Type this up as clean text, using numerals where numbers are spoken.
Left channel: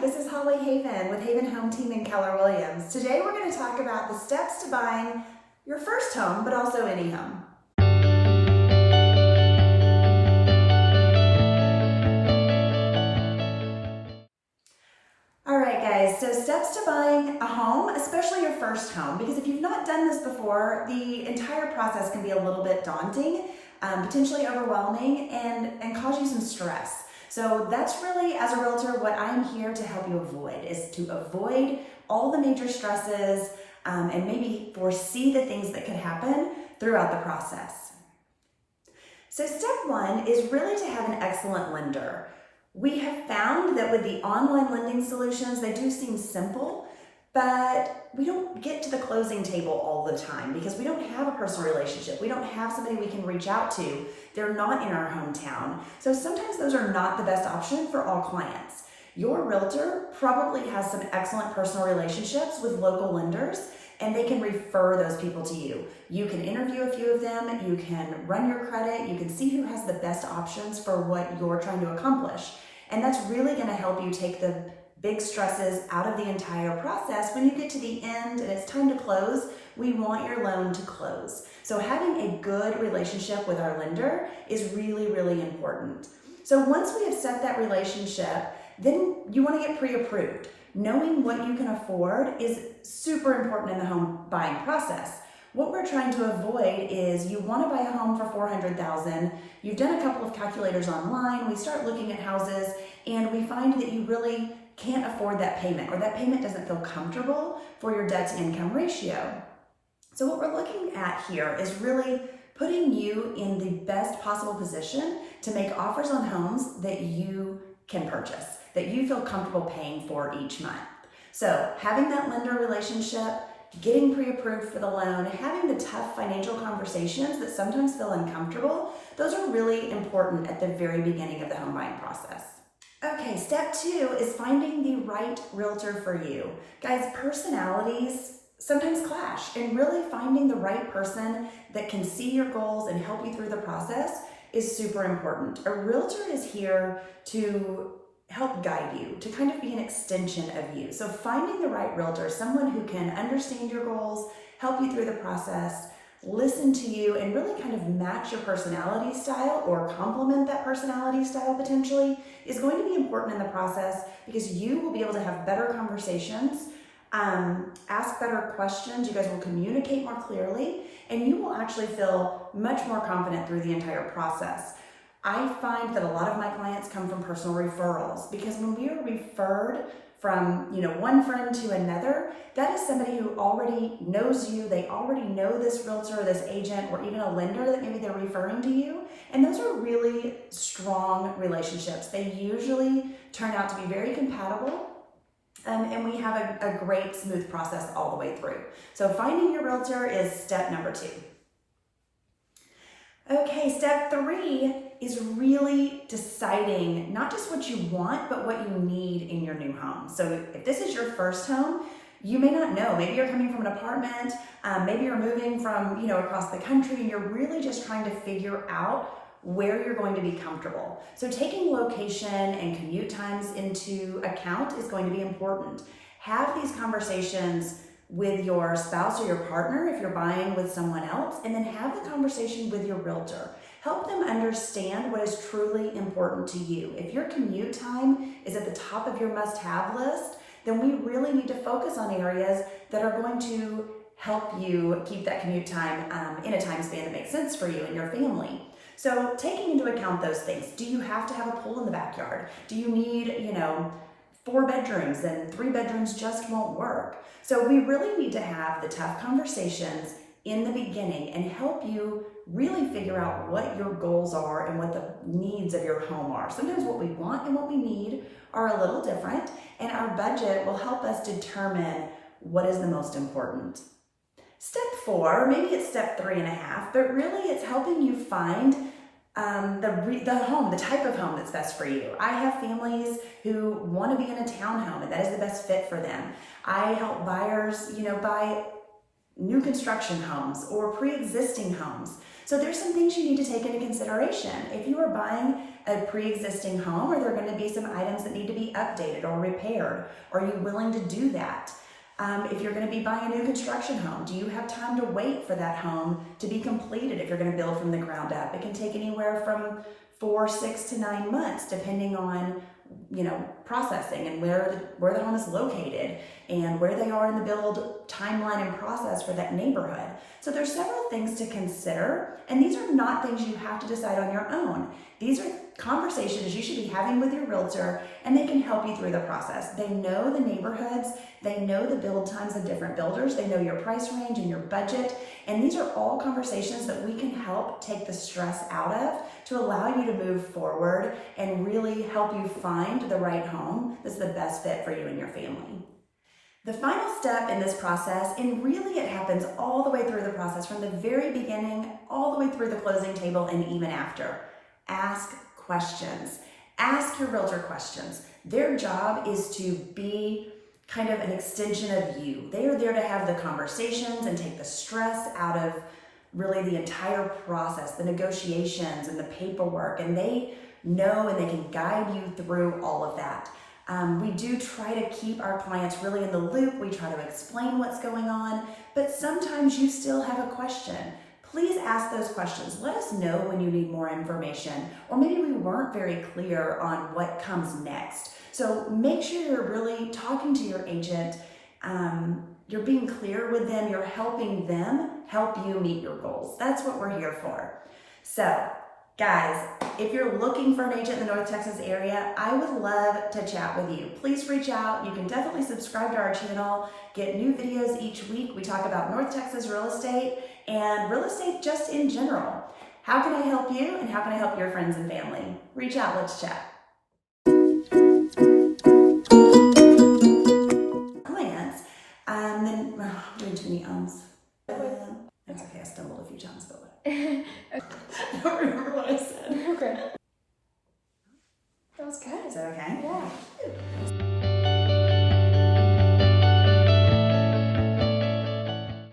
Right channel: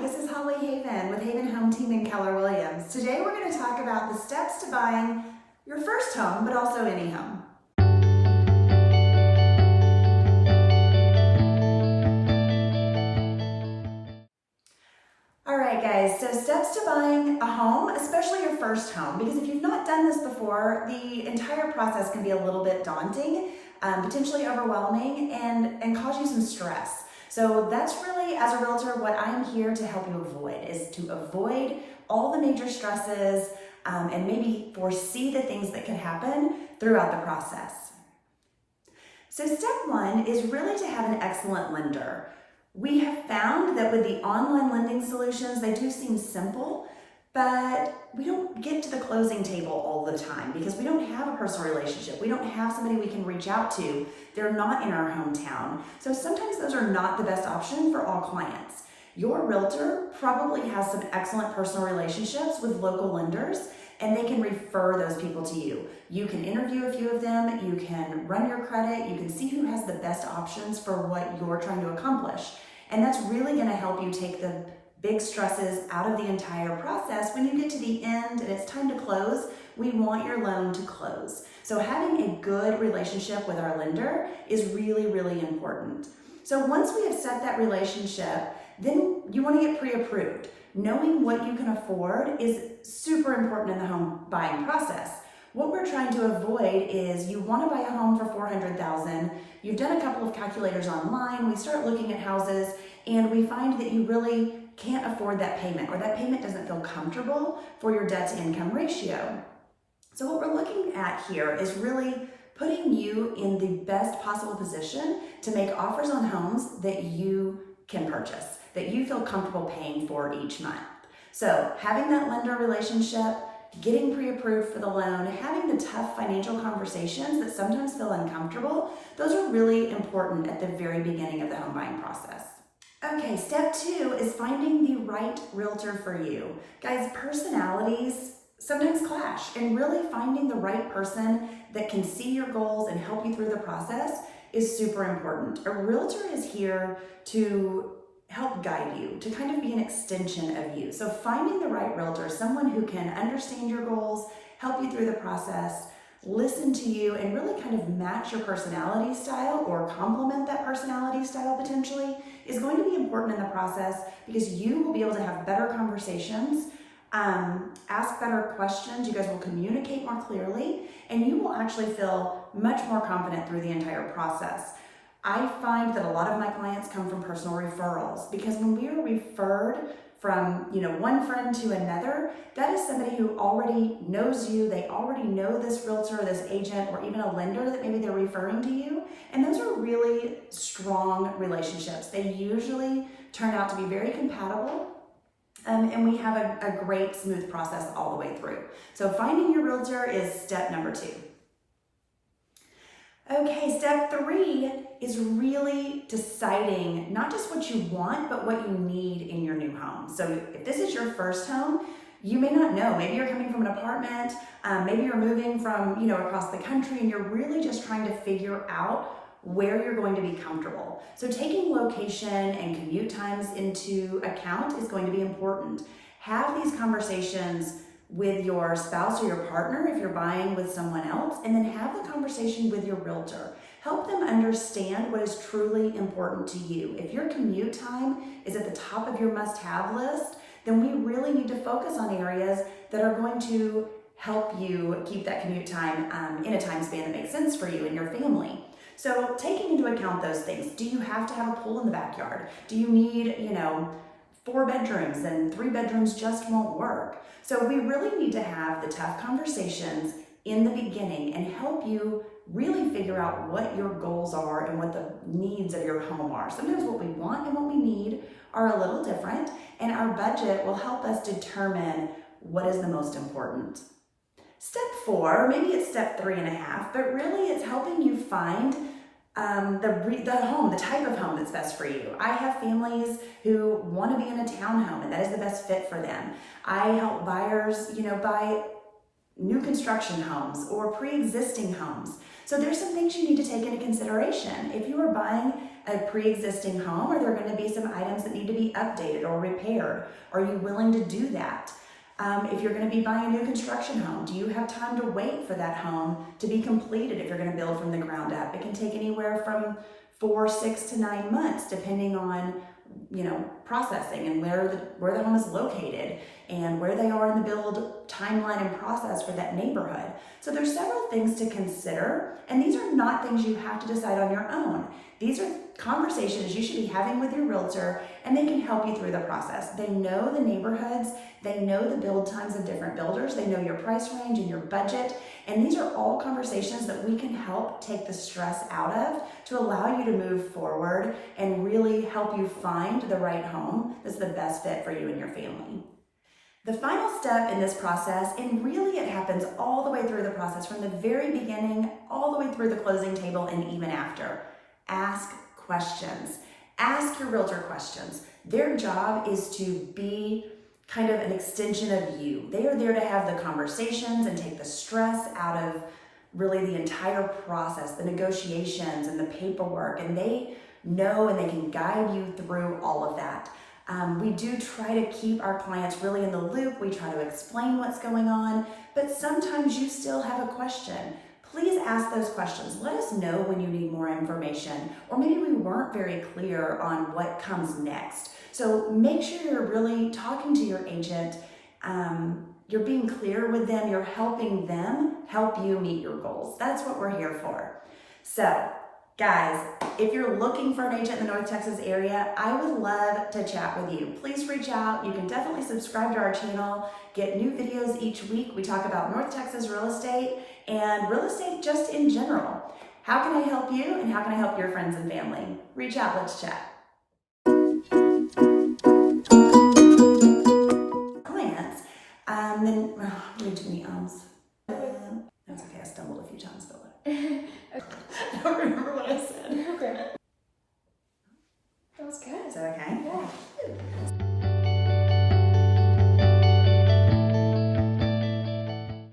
this is Holly Haven with Haven Home Team in Keller Williams. Today we're going to talk about the steps to buying your first home, but also any home. All right, guys, so steps to buying a home, especially your first home, because if you've not done this before, the entire process can be a little bit daunting, potentially overwhelming, and cause you some stress. So that's really, as a realtor, what I'm here to help you avoid, is to avoid all the major stresses and maybe foresee the things that could happen throughout the process. So step one is really to have an excellent lender. We have found that with the online lending solutions, they do seem simple, but we don't get to the closing table all the time because we don't have a personal relationship. We don't have somebody we can reach out to. They're not in our hometown. So sometimes those are not the best option for all clients. Your realtor probably has some excellent personal relationships with local lenders, and they can refer those people to you. You can interview a few of them, you can run your credit, you can see who has the best options for what you're trying to accomplish. And that's really gonna help you take the big stresses out of the entire process. When you get to the end and it's time to close, we want your loan to close. So having a good relationship with our lender is really, really important. So once we have set that relationship, then you want to get pre-approved. Knowing what you can afford is super important in the home buying process. What we're trying to avoid is you want to buy a home for $400,000. You've done a couple of calculators online. We start looking at houses and we find that you really can't afford that payment, or that payment doesn't feel comfortable for your debt to income ratio. So what we're looking at here is really putting you in the best possible position to make offers on homes that you can purchase, that you feel comfortable paying for each month. So having that lender relationship, getting pre-approved for the loan, having the tough financial conversations that sometimes feel uncomfortable, those are really important at the very beginning of the home buying process. Okay, step two is finding the right realtor for you. Guys, personalities sometimes clash, and really finding the right person that can see your goals and help you through the process is super important. A realtor is here to help guide you, to kind of be an extension of you. So finding the right realtor, someone who can understand your goals, help you through the process, listen to you, and really kind of match your personality style or complement that personality style potentially, is going to be important in the process, because you will be able to have better conversations, ask better questions, you guys will communicate more clearly, and you will actually feel much more confident through the entire process. I find that a lot of my clients come from personal referrals, because when we are referred from one friend to another, that is somebody who already knows you, they already know this realtor, this agent, or even a lender that maybe they're referring to you, and those are really strong relationships. They usually turn out to be very compatible, and we have a great smooth process all the way through. So finding your realtor is step number two. Okay, step three is really deciding not just what you want, but what you need in your new home. So if this is your first home, you may not know. Maybe you're coming from an apartment, maybe you're moving from across the country, and you're really just trying to figure out where you're going to be comfortable. So taking location and commute times into account is going to be important. Have these conversations with your spouse or your partner if you're buying with someone else, and then have the conversation with your realtor. Help them understand what is truly important to you. If your commute time is at the top of your must-have list, then we really need to focus on areas that are going to help you keep that commute time in a time span that makes sense for you and your family. So taking into account those things, do you have to have a pool in the backyard? Do you need, 4 bedrooms and 3 bedrooms just won't work? So we really need to have the tough conversations in the beginning and help you really figure out what your goals are and what the needs of your home are. Sometimes what we want and what we need are a little different, and our budget will help us determine what is the most important. Step 4, maybe it's step 3.5, but really it's helping you find the type of home that's best for you. I have families who want to be in a townhome, and that is the best fit for them. I help buyers, buy new construction homes or pre-existing homes. So there's some things you need to take into consideration. If you are buying a pre-existing home, are there going to be some items that need to be updated or repaired? Are you willing to do that? If you're going to be buying a new construction home, do you have time to wait for that home to be completed if you're going to build from the ground up? It can take anywhere from 4, 6 to 9 months, depending on processing and where the home is located and where they are in the build timeline and process for that neighborhood. So there's several things to consider, and these are not things you have to decide on your own. These are conversations you should be having with your realtor, and they can help you through the process. They know the neighborhoods, they know the build times of different builders, they know your price range and your budget, and these are all conversations that we can help take the stress out of to allow you to move forward and really help you find the right home that's the best fit for you and your family. The final step in this process, and really it happens all the way through the process, from the very beginning all the way through the closing table and even after. Ask questions. Ask your realtor questions. Their job is to be kind of an extension of you. They are there to have the conversations and take the stress out of really the entire process, the negotiations and the paperwork, and they know and they can guide you through all of that. We do try to keep our clients really in the loop. We try to explain what's going on, but sometimes you still have a question. Please ask those questions. Let us know when you need more information, or maybe we weren't very clear on what comes next. So make sure you're really talking to your agent. You're being clear with them. You're helping them help you meet your goals. That's what we're here for. So guys, if you're looking for an agent in the North Texas area, I would love to chat with you. Please reach out. You can definitely subscribe to our channel, get new videos each week. We talk about North Texas real estate and real estate just in general. How can I help you and how can I help your friends and family? Reach out, let's chat. Clients, then, way too many ums. That's okay, I stumbled a few times, but I don't remember what I said. Okay.